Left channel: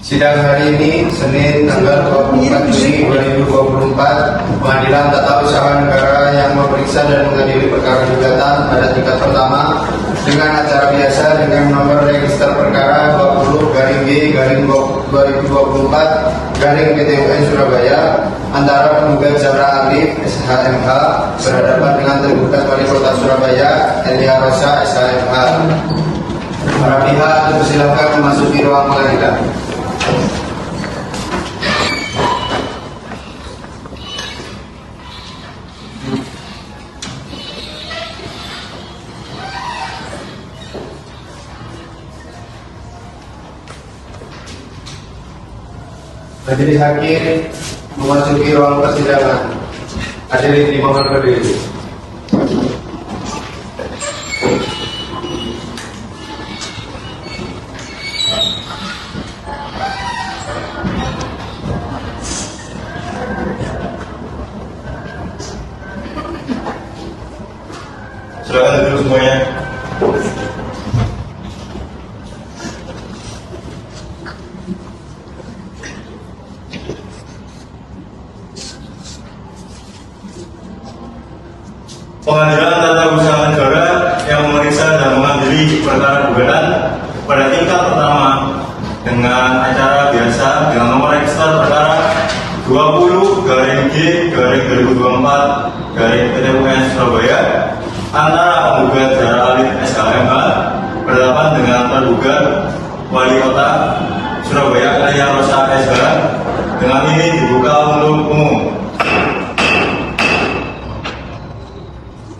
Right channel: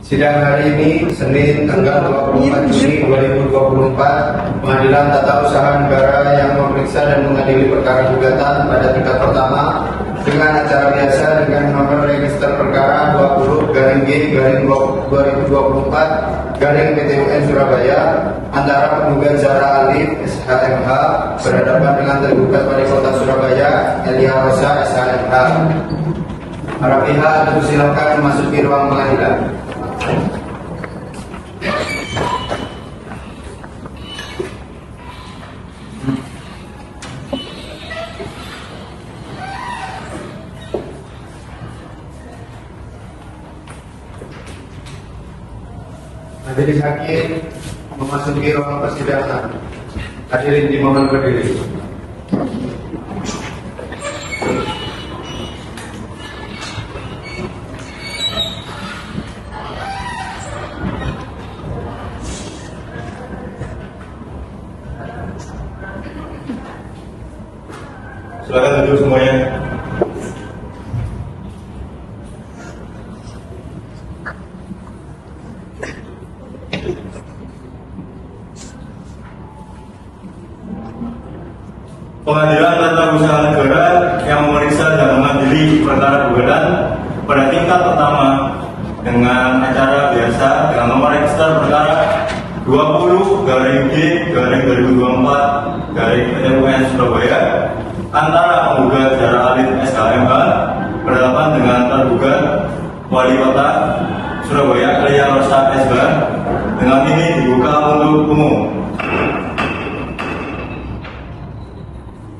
Sidang hari ini, Senin, tanggal 24 Juni 2024, Pengadilan Tata Usaha Negara yang memeriksa dan mengadili perkara gugatan pada tingkat pertama dengan acara biasa dengan nomor register perkara 20-2024-PT UN Surabaya antara penggugat Zahra Alif SHMH berhadapan dengan tergugat Wali Kota Surabaya Elia Rosa SHMH. Para pihak dipersilakan memasuki ruang pengadilan. Majelis hakim memasuki ruang persidangan. Hadirin dimohon berdiri. Silakan duduk semuanya. Pengadilan Tata Usaha Negara yang memeriksa dan mengadili perkara gugatan pada tingkat pertama dengan acara biasa dengan nomor register perkara 20-G-2024-PT UN Surabaya antara penggugat Zahra Alif SHMH berhadapan dengan tergugat Wali Kota Surabaya Elia Rosa SH. Dengan ini dibuka untuk umum.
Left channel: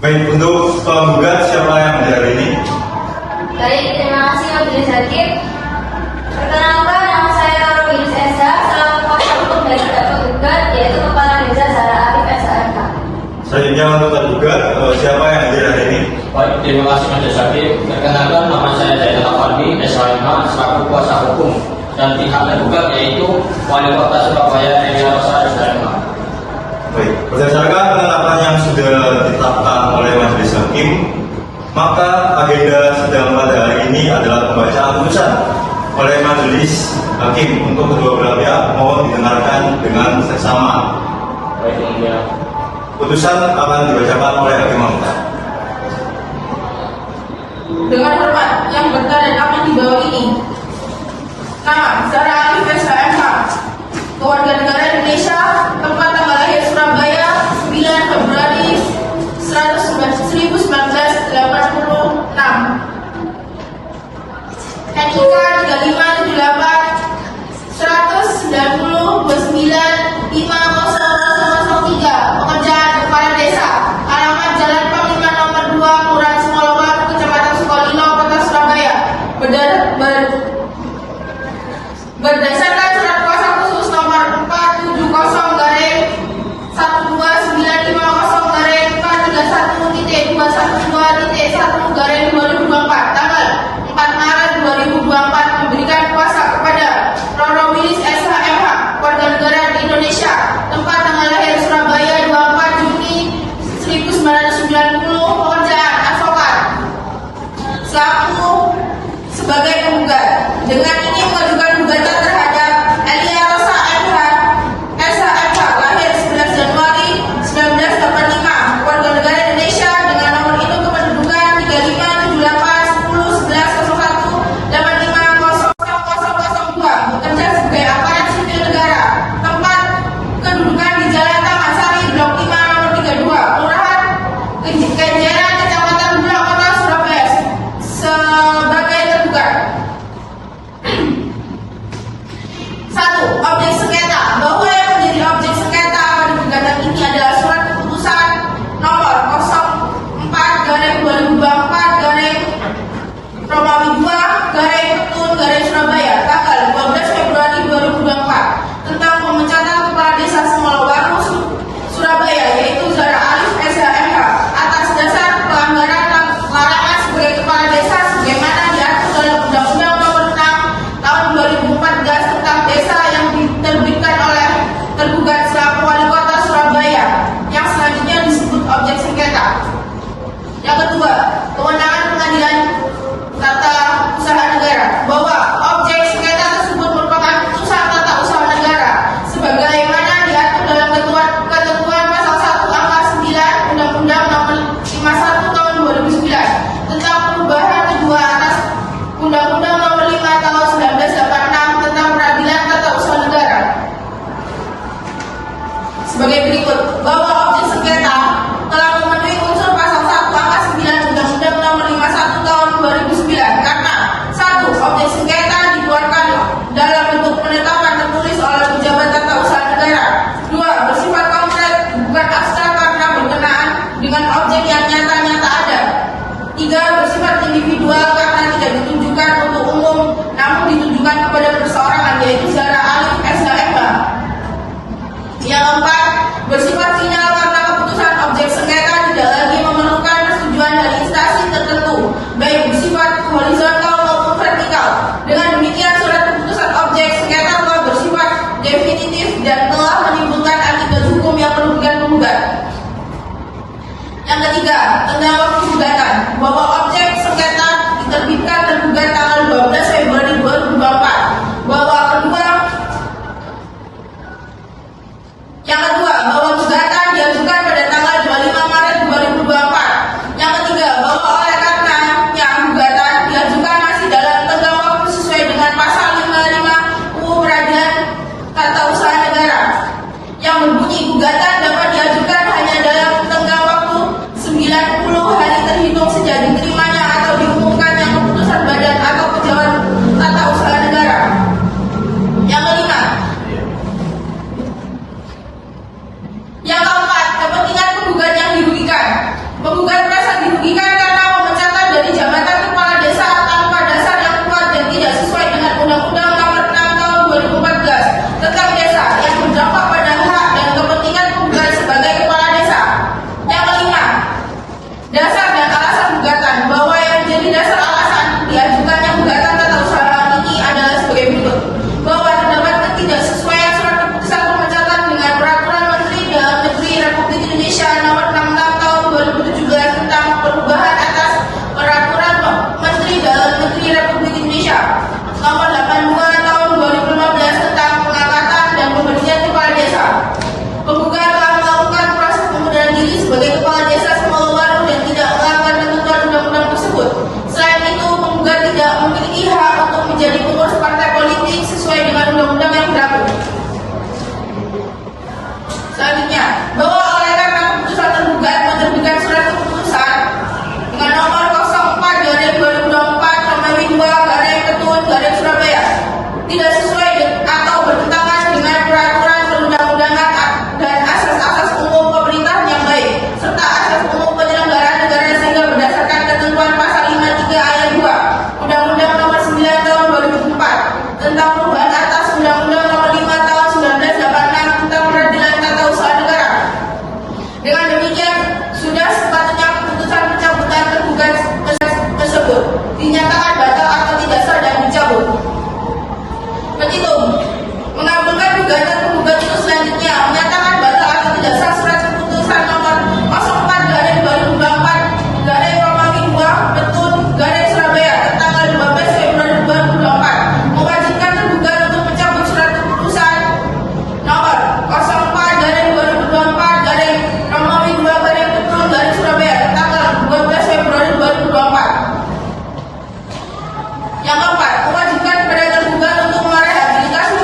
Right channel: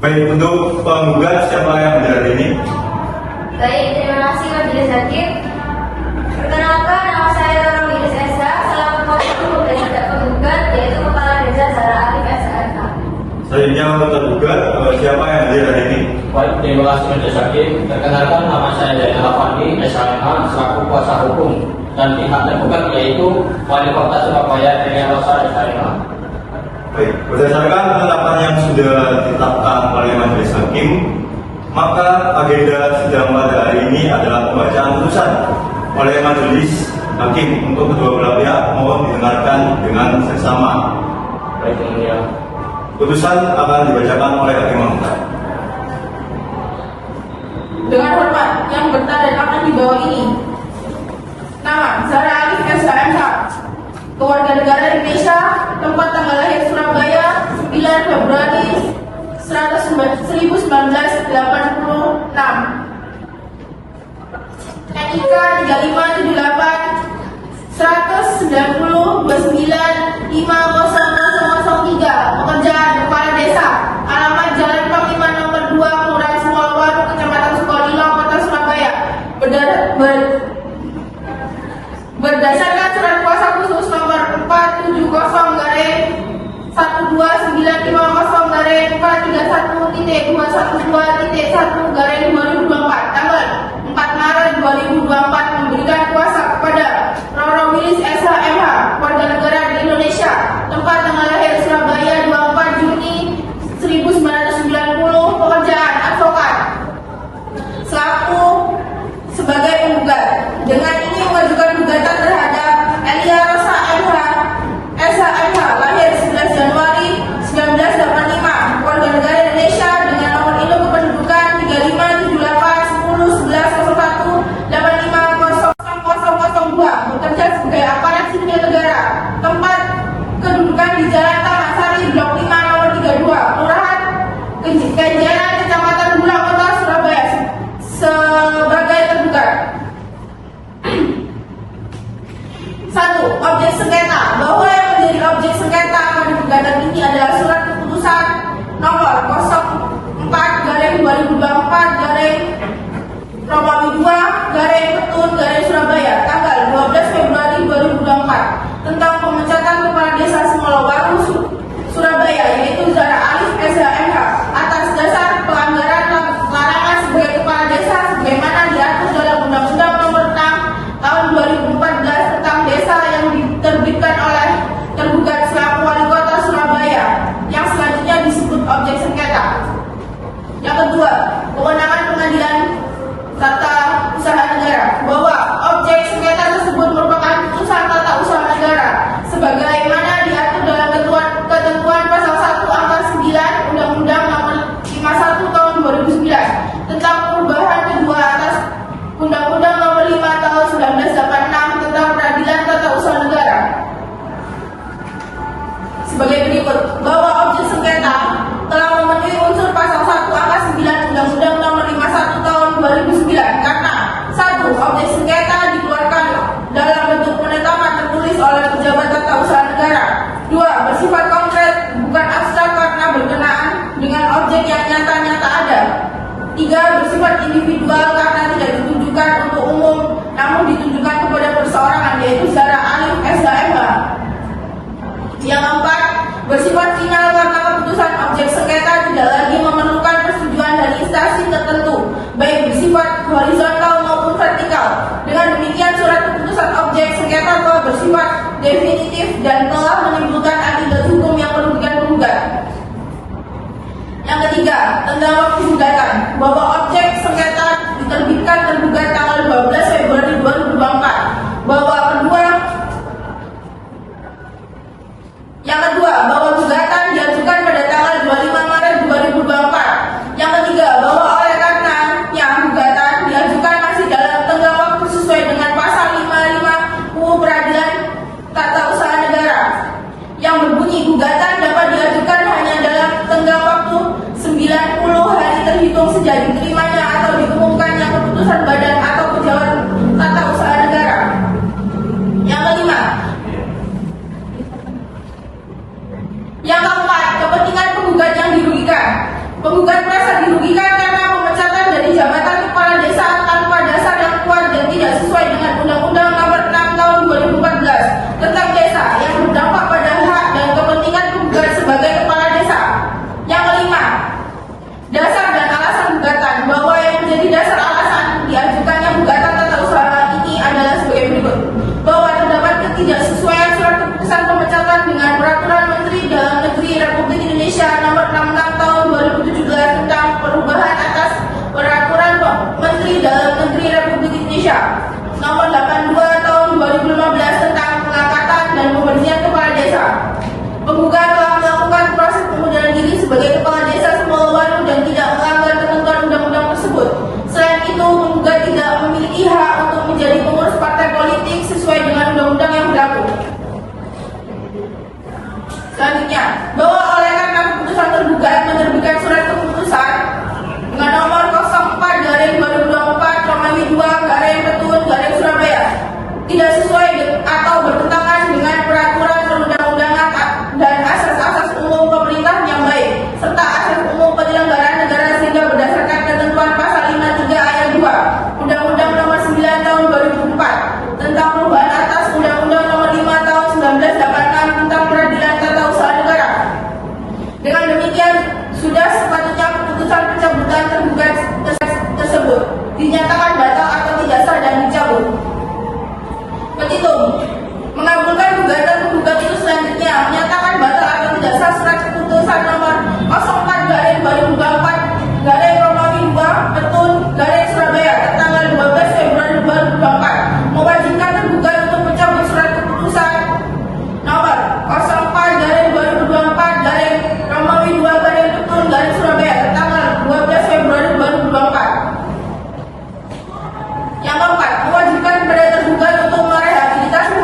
Baik, untuk penggugat siapa yang menjadi ini? Baik, terima kasih Majelis Hakim. Perkenalkan, nama saya Romi Esa, selaku kuasa hukum dari tergugat yaitu Kepala Desa Zahra Alif SHMH. Selanjutnya untuk tergugat siapa yang hadir hari ini? Baik, terima kasih Majelis Hakim. Perkenalkan, nama saya Zainal Afandi SHMH, selaku kuasa hukum dan pihak tergugat yaitu Wali Kota Surabaya Elia Rosa SHMH. Baik, berdasarkan penetapan yang sudah ditetapkan oleh Majelis Hakim, maka agenda sidang pada hari ini adalah pembacaan putusan oleh Majelis Hakim untuk kedua belah pihak mohon didengarkan dengan seksama. Baik, ya. Putusan akan dibacakan oleh Hakim Mahkota. Dengan hormat yang bertanda tangan di bawah ini. Nama Zahra Alif SHMH, Kewarganegaraan Indonesia, tempat tanggal lahir Surabaya 9 Februari 1986. NIK 3578-190-29-50003. Pekerjaan Kepala Desa, alamat Jalan Panglima nomor 2, Kelurahan Sumalawan, Kecamatan Sukolilo, Kota Surabaya. Berdasarkan surat kuasa khusus nomor 470-431-212.1/2024 tanggal 4 Maret 2024 memberikan kuasa kepada Roro Wilis SHMH, warga negara di Indonesia, tempat sebagai berikut, bahwa objek sengketa telah memenuhi unsur pasal 1 angka 9 Undang-Undang Nomor 51 Tahun 2009 karena 1. Objek sengketa dikeluarkan dalam bentuk penetapan tertulis oleh pejabat tata usaha negara. 2. Bersifat konkret, bukan abstrak karena berkenaan dengan objek yang nyata-nyata ada. 3. Bersifat individual karena tidak ditujukan untuk umum, namun ditujukan kepada perseorangan, yaitu secara alif SHMH. Yang keempat, bersifat final karena keputusan objek sengketa tidak lagi memerlukan persetujuan dari instansi tertentu, baik bersifat horizontal maupun vertikal. Dengan demikian, surat keputusan objek sengketa telah bersifat definitif dan telah menimbulkan akibat hukum yang merugikan penggugat. Yang ketiga, tentang waktu gugatan, bahwa objek sengketa diterbitkan tergugat tanggal 12 Februari 2024. Yang kedua, bahwa gugatan diajukan pada tanggal 25 Maret 2024. Yang ketiga, bahwa oleh karena yang gugatan diajukan masih dalam tenggang waktu sesuai dengan pasal 55 UU Peradilan Tata Usaha Negara yang berbunyi gugatan dapat diajukan hanya dalam tenggang waktu 90 hari terhitung sejak diterimanya atau diumumkannya keputusan badan atau pejabat tata usaha negara. Yang kelima, yang keempat, kepentingan penggugat yang dirugikan. Penggugat merasa dirugikan karena pemecatan dari jabatan kepala desa tanpa dasar yang kuat dan tidak sesuai dengan Undang-Undang Nomor 6 Tahun 2014 tentang desa yang berdampak pada hak dan kepentingan penggugat sebagai kepala desa. Yang kelima, dasar dan alasan gugatan, bahwa yang menjadi dasar alasan diajukannya gugatan tata usaha ini adalah sebagai berikut, bahwa terdapat ketidaksesuaian surat keputusan pemecatan dengan Peraturan Menteri Dalam Negeri Republik Indonesia Nomor 66 Tahun 2017 tentang perubahan atas Peraturan Menteri Dalam Negeri Republik Indonesia Nomor 82 Tahun 2015 tentang pengangkatan dan pemberhentian kepala desa. Penggugat telah melakukan proses pengunduran diri sebagai kepala desa Semolo Baru dan tidak melanggar ketentuan undang-undang tersebut. Selain itu, penggugat tidak memiliki hak untuk menjadi pengurus partai politik sesuai dengan undang-undang yang berlaku. Selanjutnya, bahwa oleh karena keputusan tergugat menerbitkan surat keputusan dengan nomor 04/2024/2/Ketun/Surabaya tidak sesuai atau bertentangan dengan peraturan perundang-undangan dan asas-asas umum pemerintahan yang baik serta asas umum penyelenggaraan negara, sehingga berdasarkan ketentuan pasal 53 ayat 2 Undang-Undang Nomor 9 Tahun 2004 tentang perubahan atas Undang-Undang Nomor 5 Tahun 1986 tentang peradilan tata usaha negara. Dengan demikian, sudah sepatutnya keputusan pencabutan tergugat tersebut dinyatakan batal atau tidak sah dan dicabut. Petitum mengabulkan gugatan penggugat itu selanjutnya menyatakan batal atau tidak sah surat keputusan nomor 04/2024/Romawi 2 Ketun/Surabaya tanggal 12 Februari 2024 mewajibkan tergugat untuk mencabut surat keputusan nomor 04/2024/Romawi 2 Ketun/Surabaya tanggal 12 Februari 2024. Yang keempat, mewajibkan kepada tergugat untuk merehabilitasi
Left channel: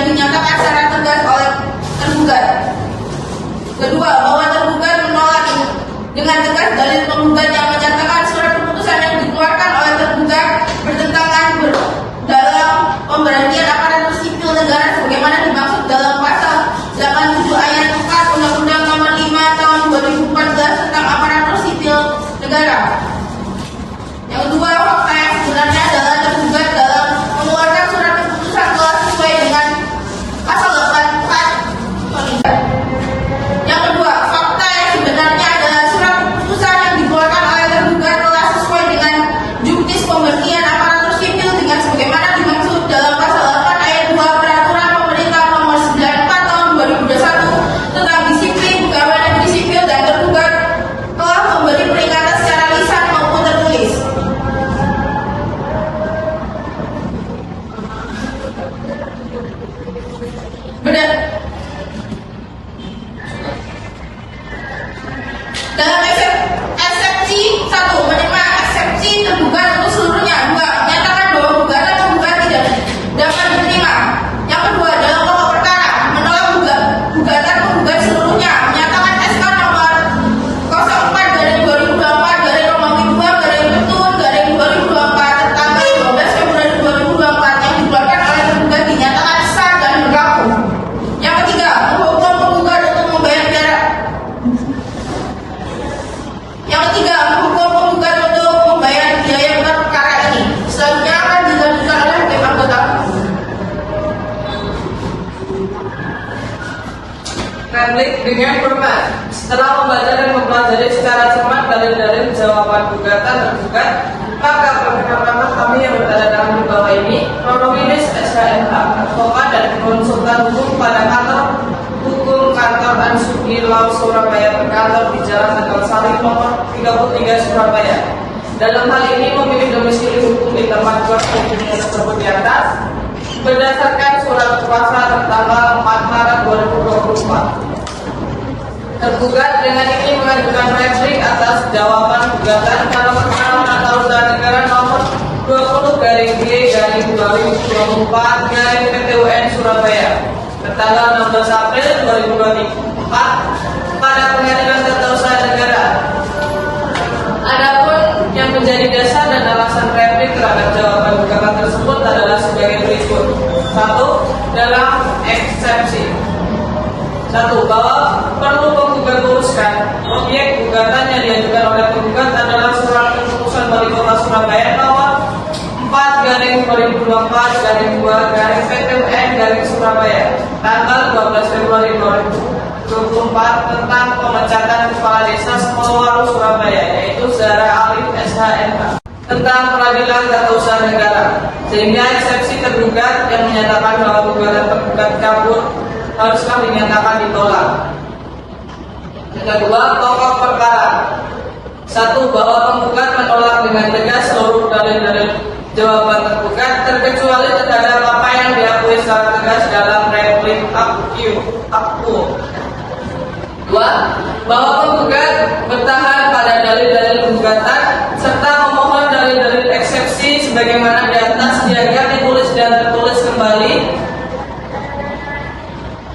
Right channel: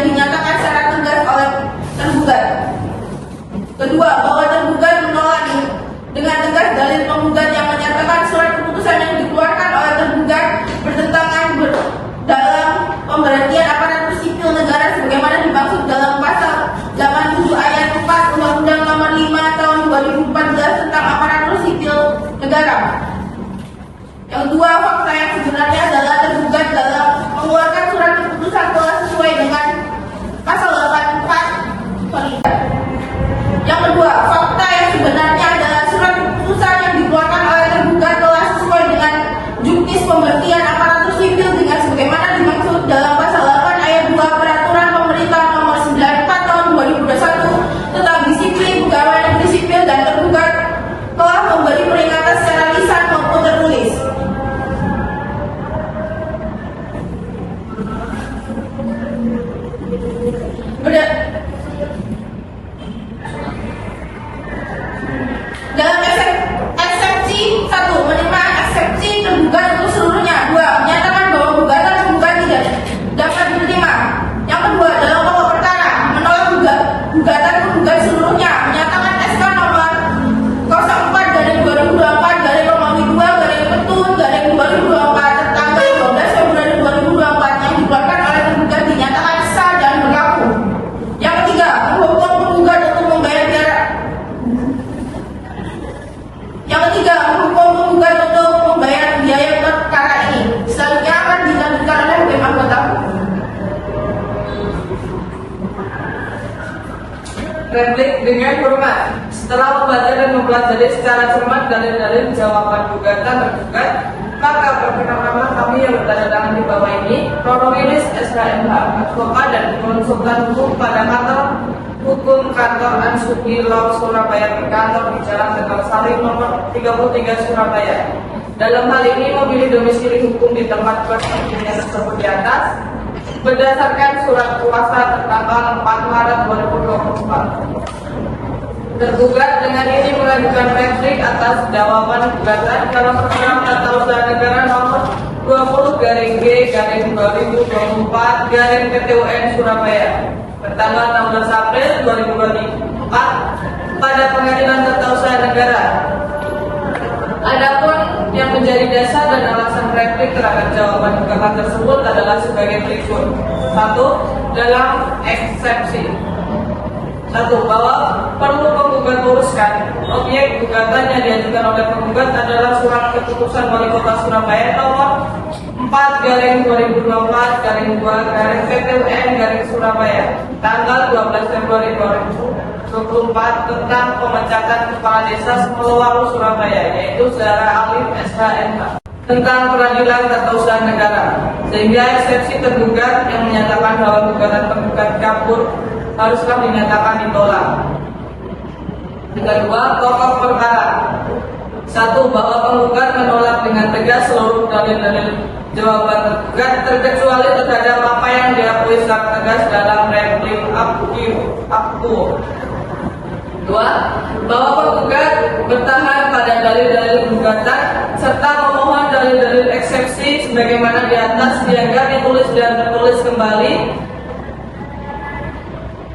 yang dinyatakan secara tegas oleh tergugat. Kedua, bahwa tergugat menolak dengan tegas dalil penggugat yang menyatakan surat keputusan yang dikeluarkan oleh tergugat bertentangan dalam pemberhentian aparatur sipil negara sebagaimana dimaksud dalam pasal 87 ayat 4 Undang-Undang Nomor 5 Tahun 2014 tentang aparatur sipil negara. Yang kedua, fakta yang sebenarnya adalah tergugat dalam mengeluarkan surat keputusan telah sesuai dengan pasal 84. Yang kedua, fakta yang sebenarnya adalah surat keputusan yang dikeluarkan oleh tergugat telah sesuai dengan juknis pemberhentian aparatur sipil dengan sebagaimana dimaksud dalam pasal 8 ayat 2 Peraturan Pemerintah Nomor 94 Tahun 2021 tentang disiplin pegawai negeri sipil, dan tergugat telah memberi peringatan secara lisan maupun tertulis. Dalam eksepsi 1, menerima eksepsi tergugat untuk seluruhnya. 2, menyatakan bahwa gugatan tergugat tidak dapat diterima. Yang kedua, dalam pokok perkara menolak gugatan tergugat seluruhnya, menyatakan SK nomor 04/2/2/Petun/2024 tanggal 12 Februari 2024 yang dikeluarkan oleh tergugat dinyatakan sah dan berlaku. Yang ketiga, menghukum penggugat untuk membayar biaya perkara ini. Selanjutnya akan dilanjutkan oleh hakim anggota. Replik dengan hormat. Setelah membaca dan mempelajari secara cermat dalil-dalil jawaban gugatan tergugat, maka perkenalkan kami yang bertanda tangan di bawah ini, Proromilis SKMH, advokat dan konsultan hukum pada kantor hukum kantor Ansubri Law Surabaya, berkantor di Jalan Tegal Sari nomor 33 Surabaya. Dalam hal ini memilih domisili hukum di tempat kuasa hukumnya tersebut di atas berdasarkan surat kuasa tertanggal 4 Maret 2024. Tergugat dengan ini mengajukan replik atas jawaban gugatan dalam perkara tata usaha negara nomor 20/2024/PT-UN Surabaya bertanggal 16 April 2024 pada Pengadilan Tata Usaha Negara. Adapun yang menjadi dasar dan alasan replik terhadap jawaban gugatan tersebut adalah sebagai berikut. 1. Dalam eksepsi 1. Bahwa perlu penggugat luruskan objek gugatan yang diajukan oleh penggugat adalah surat keputusan Wali Kota Surabaya nomor 4/2024/2/PT-UN-Surabaya tanggal 12 Februari 2024 tentang pemecatan kepala desa Semowaru Surabaya, yaitu Zahra Alif SHMH, tentang peradilan tata usaha negara, sehingga eksepsi tergugat yang menyatakan bahwa gugatan tergugat kabur haruslah dinyatakan ditolak. Yang kedua, pokok perkara 1. Bahwa penggugat menolak dengan tegas seluruh dalil-dalil jawaban tergugat terkecuali terhadap apa yang diakui secara tegas dalam replik aktu. 2. Bahwa penggugat bertahan pada dalil-dalil gugatan serta memohon dalil-dalil eksepsi sebagaimana di atas dianggap ditulis dan tertulis kembali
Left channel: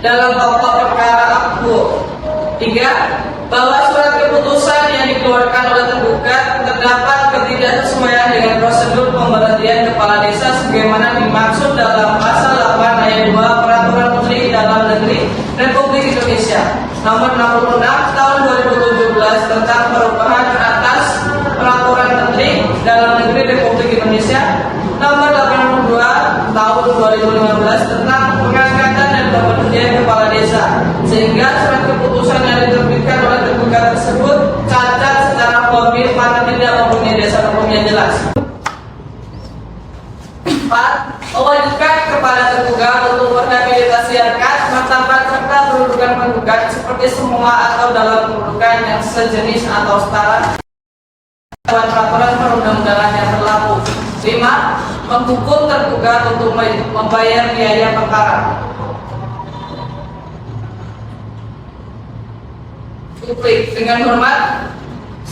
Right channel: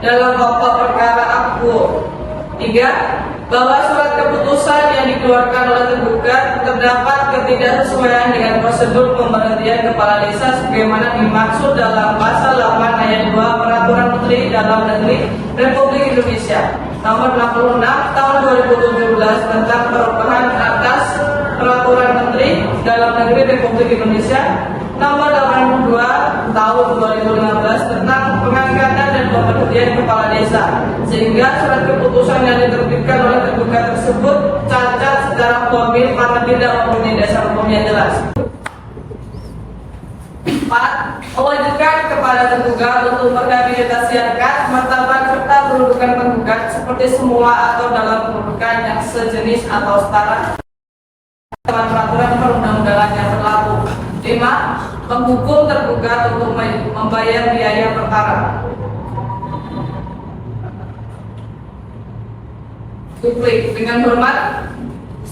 dalam pokok perkara aktu. 3. Bahwa surat keputusan yang dikeluarkan oleh tergugat terdapat ketidaksesuaian dengan prosedur pemberhentian kepala desa sebagaimana dimaksud dalam pasal 8 ayat 2 Peraturan Menteri Dalam Negeri Republik Indonesia Nomor 66 Tahun 2017 tentang perubahan atas Peraturan Menteri Dalam Negeri Republik Indonesia Nomor 82 Tahun 2015 tentang pengangkatan dan pemberhentian kepala desa, sehingga surat keputusan yang diterbitkan oleh tergugat tersebut cacat secara formil karena tidak mempunyai dasar hukum yang jelas. 4. Mewajibkan kepada tergugat untuk merehabilitasikan martabat serta kedudukan penggugat seperti semua atau dalam kedudukan yang sejenis atau setara dengan peraturan perundang-undangan yang berlaku. 5. Menghukum tergugat untuk membayar biaya perkara. Publik dengan hormat,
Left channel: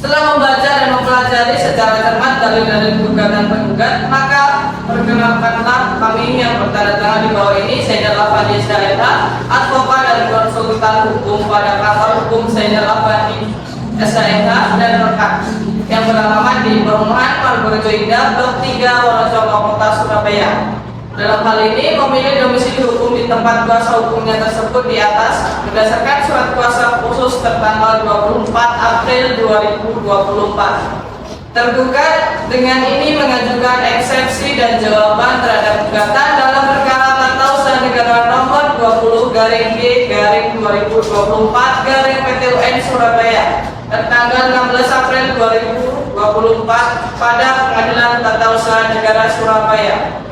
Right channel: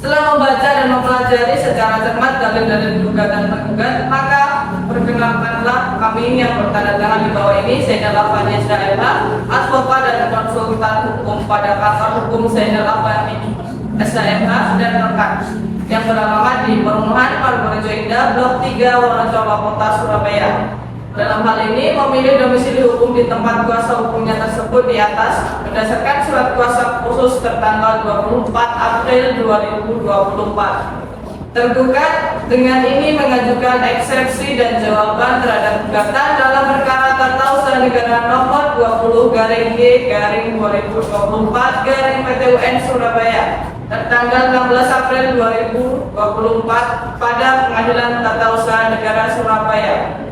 Setelah membaca dan mempelajari secara cermat dalil-dalil gugatan penggugat, maka perkenalkanlah kami yang bertanda tangan di bawah ini, Zainal Afandi SHMH, advokat dan konsultan hukum pada kantor hukum Zainal Afandi SHMH dan rekan yang beralamat di Perumahan Margorejo Indah, Blok 3, Wonosobo Kota, Surabaya. Dalam hal ini memilih domisili hukum di tempat kuasa hukumnya tersebut di atas berdasarkan surat kuasa khusus tertanggal 24 April 2024. Tergugat dengan ini mengajukan eksepsi dan jawaban terhadap gugatan dalam perkara tata usaha negara nomor 20/G/2024/PT-UN Surabaya tertanggal 16 April 2024 pada Pengadilan Tata Usaha Negara Surabaya.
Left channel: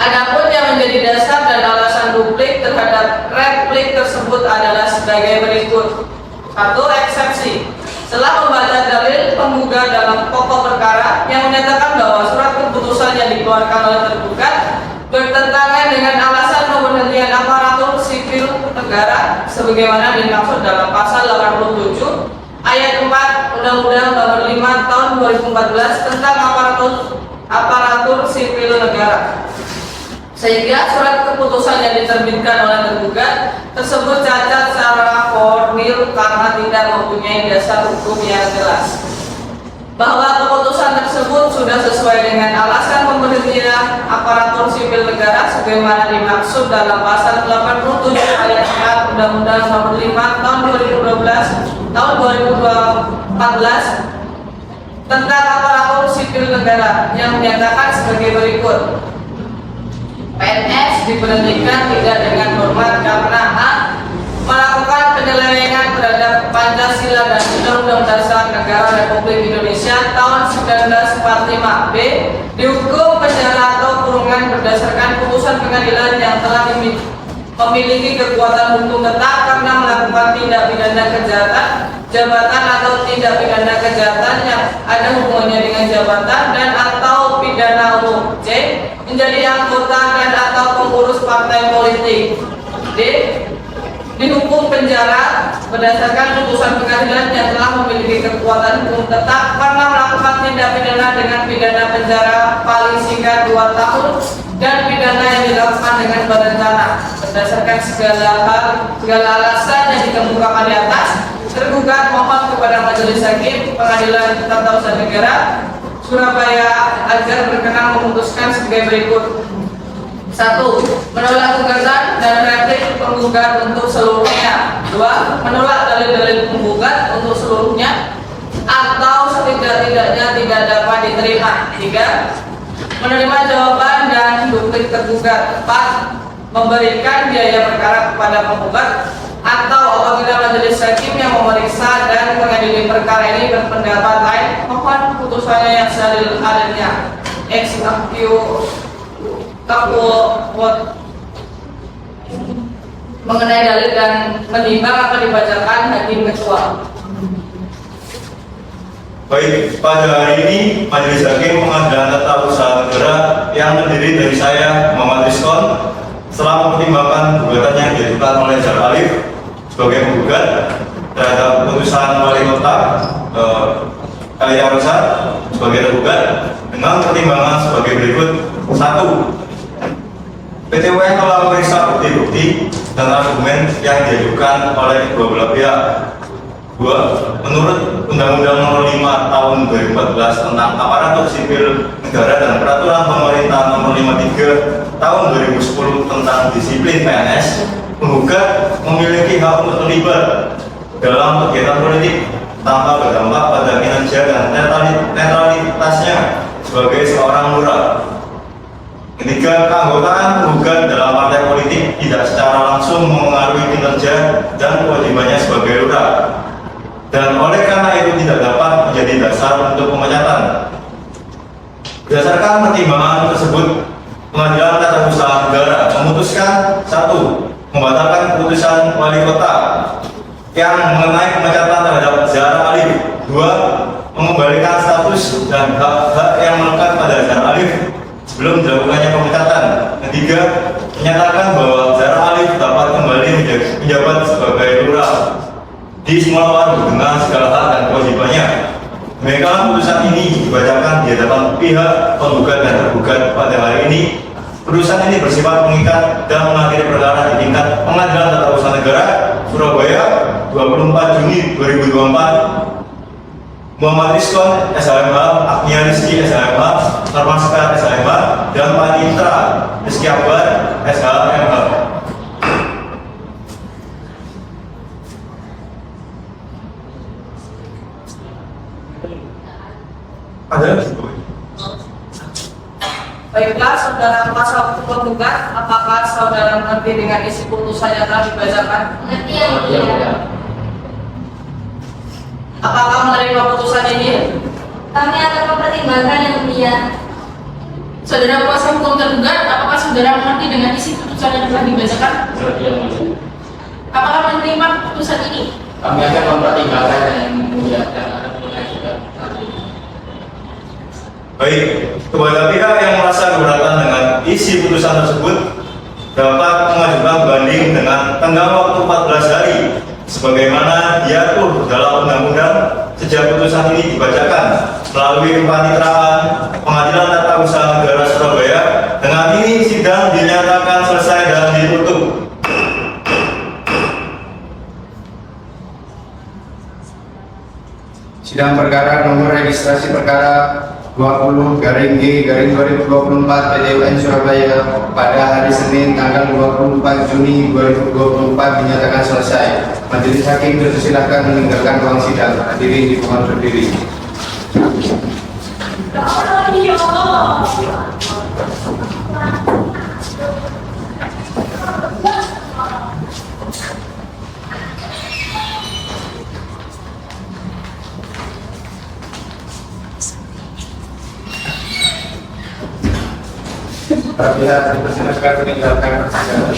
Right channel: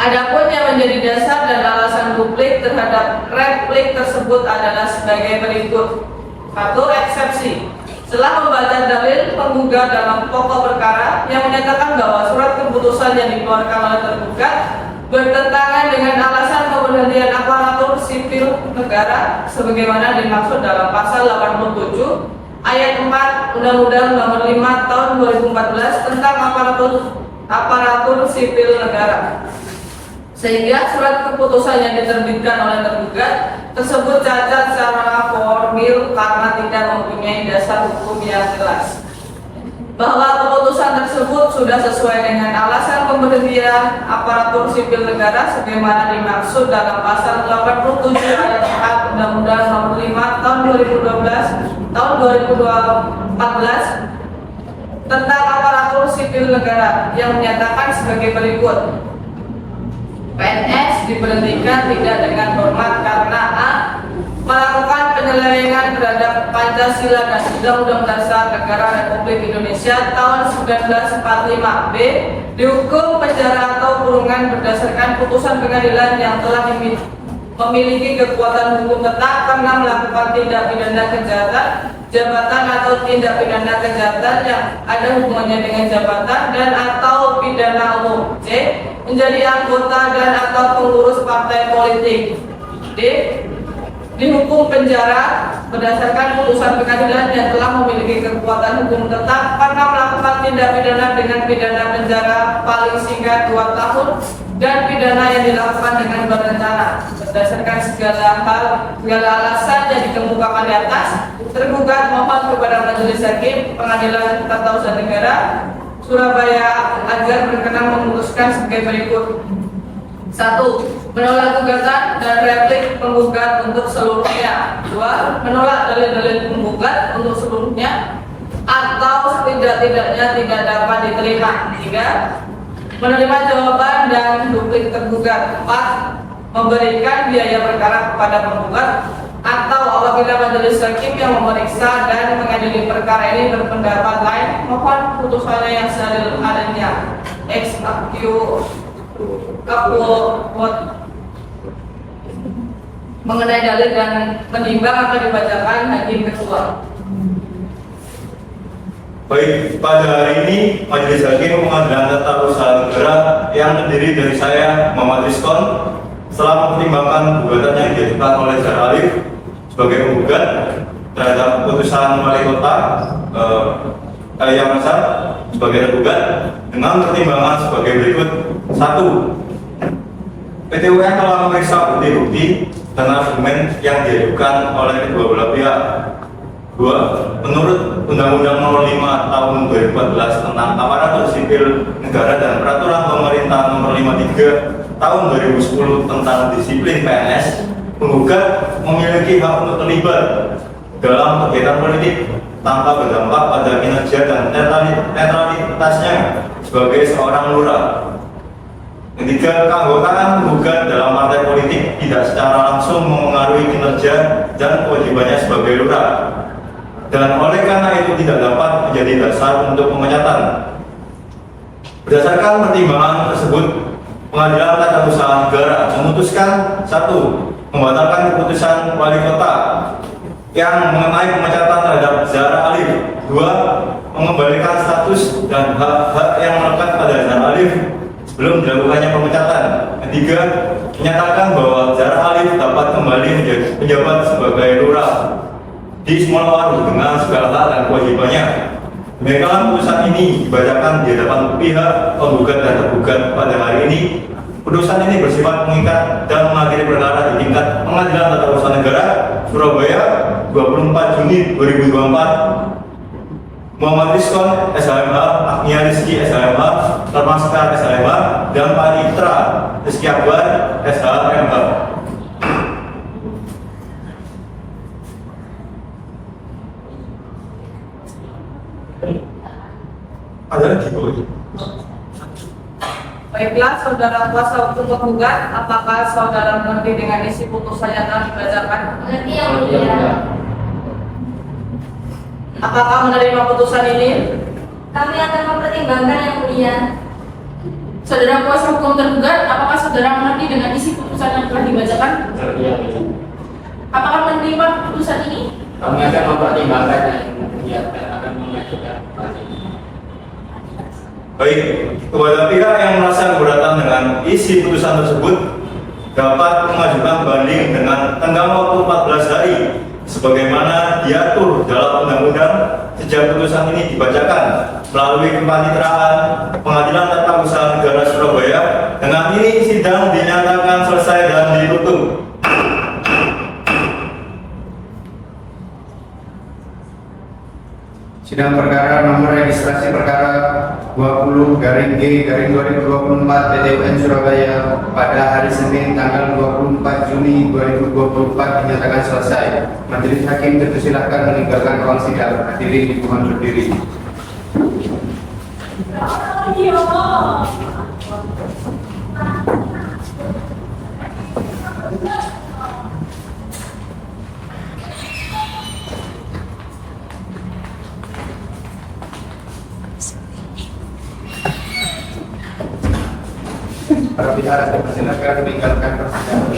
Adapun yang menjadi dasar dan alasan duplik terhadap replik tersebut adalah sebagai berikut. 1. Eksepsi. Setelah membaca dalil penggugat dalam pokok perkara yang menyatakan bahwa surat keputusan yang dikeluarkan oleh tergugat bertentangan dengan alasan pemberhentian aparatur sipil negara sebagaimana dimaksud dalam pasal 87 ayat 4 Undang-Undang Nomor 5 Tahun 2014 tentang aparatur sipil negara, sehingga surat keputusan yang diterbitkan oleh tergugat tersebut cacat secara formil karena tidak mempunyai dasar hukum yang jelas. Bahwa keputusan tersebut sudah sesuai dengan alasan pemberhentian aparatur sipil negara sebagaimana dimaksud dalam pasal 87 ayat 4 Undang-Undang Nomor 5 Tahun 2014 tentang aparatur sipil negara yang menyatakan sebagai berikut. PNS diberhentikan tidak dengan hormat karena A. Melakukan penyelewengan terhadap Pancasila dan Undang-Undang Dasar Negara Republik Indonesia tahun 1945. B. Dihukum penjara atau kurungan berdasarkan putusan pengadilan yang telah memiliki kekuatan hukum tetap karena melakukan tindak pidana kejahatan jabatan atau tindak pidana kejahatan yang ada hubungannya dengan jabatan dan atau pidana umum. C. Menjadi anggota dan atau pengurus partai politik. D. Dihukum penjara berdasarkan putusan pengadilan yang telah memiliki kekuatan hukum tetap karena melakukan tindak pidana dengan pidana penjara paling singkat 2 tahun dan pidana yang dilakukan dengan berencana. Berdasarkan segala alasan yang dikemukakan di atas, tergugat mohon kepada Majelis Hakim Pengadilan Tata Usaha Negara Surabaya agar berkenan memutuskan sebagai berikut. 1. Menolak gugatan dan replik penggugat untuk seluruhnya. 2. Menolak dalil-dalil penggugat untuk seluruhnya atau setidak-tidaknya tidak dapat diterima. 3. Menerima jawaban dan duplik tergugat. 4. Memberikan biaya perkara kepada penggugat atau apabila majelis hakim yang memeriksa dan mengadili perkara ini berpendapat lain, mohon putusannya yang seadil-adilnya. Mengenai dalil dan menimbang akan dibacakan hakim ketua. Baik, pada hari ini Majelis Hakim Pengadilan Tata Usaha Negara yang terdiri dari saya, Muhammad Rizkon, setelah mempertimbangkan gugatan yang diajukan oleh Zahra Alif sebagai penggugat terhadap putusan Wali Kota Kalian sebagai tergugat dengan pertimbangan sebagai berikut. 1. PT-UN telah memeriksa bukti-bukti dan argumen yang diajukan oleh kedua belah pihak. 2. Menurut Undang-Undang Nomor 5 Tahun 2014 tentang Aparatur Sipil Negara dan Peraturan Pemerintah Nomor 53 Tahun 2010 tentang Disiplin PNS, penggugat memiliki hak untuk terlibat dalam kegiatan politik tanpa berdampak pada kinerja dan netralitasnya sebagai seorang lurah. Ketika keanggotaan penggugat dalam partai politik tidak secara langsung memengaruhi kinerja dan kewajibannya sebagai lurah, dan oleh karena itu tidak dapat menjadi dasar untuk pemecatan. Berdasarkan pertimbangan tersebut, Pengadilan Tata Usaha Negara memutuskan: 1. Membatalkan keputusan Wali Kota yang mengenai pemecatan terhadap Zahra Alif. 2. Mengembalikan status dan hak-hak yang melekat pada Zahra Alif sebelum dilakukannya pemecatan. 3. Menyatakan bahwa Zahra Alif dapat kembali menjabat sebagai lurah di di Semalawaru dengan segala hak dan kewajibannya. Demikian putusan ini dibacakan di hadapan pihak penggugat dan tergugat pada hari ini. Putusan ini bersifat mengikat dan mengakhiri perkara di tingkat Pengadilan Tata Usaha Negara Surabaya 24 Juni 2024. Muhammad Rizkon SHMH, Agnia Rizky SHMH, Termaska SHMH, dan Panitra Rizky Akbar SHMH. Ada lagi Bu? Baiklah, saudara kuasa hukum penggugat, apakah saudara mengerti dengan isi putusan yang telah dibacakan? Mengerti yang mulia. Apakah menerima putusan ini? Kami akan mempertimbangkan yang mulia. Saudara kuasa hukum tergugat, apakah saudara mengerti dengan isi putusan yang telah dibacakan? Mengerti yang mulia. Apakah menerima putusan ini? Kami akan mempertimbangkan yang mulia dan akan mengajukan banding. Baik, kepada pihak yang merasa keberatan dengan isi putusan tersebut dapat mengajukan banding dengan tenggang waktu 14 hari sebagaimana diatur dalam undang-undang sejak putusan ini dibacakan melalui kepanitraan Pengadilan Tata Usaha Negara Surabaya. Dengan ini sidang dinyatakan selesai dan ditutup. Sidang perkara nomor registrasi perkara 20/G/2024 PT UN Surabaya pada hari Senin tanggal 24 Juni 2024 dinyatakan selesai. Majelis Hakim dipersilakan meninggalkan ruang sidang. Hadirin dimohon berdiri. Para pihak dipersilakan meninggalkan persidangan.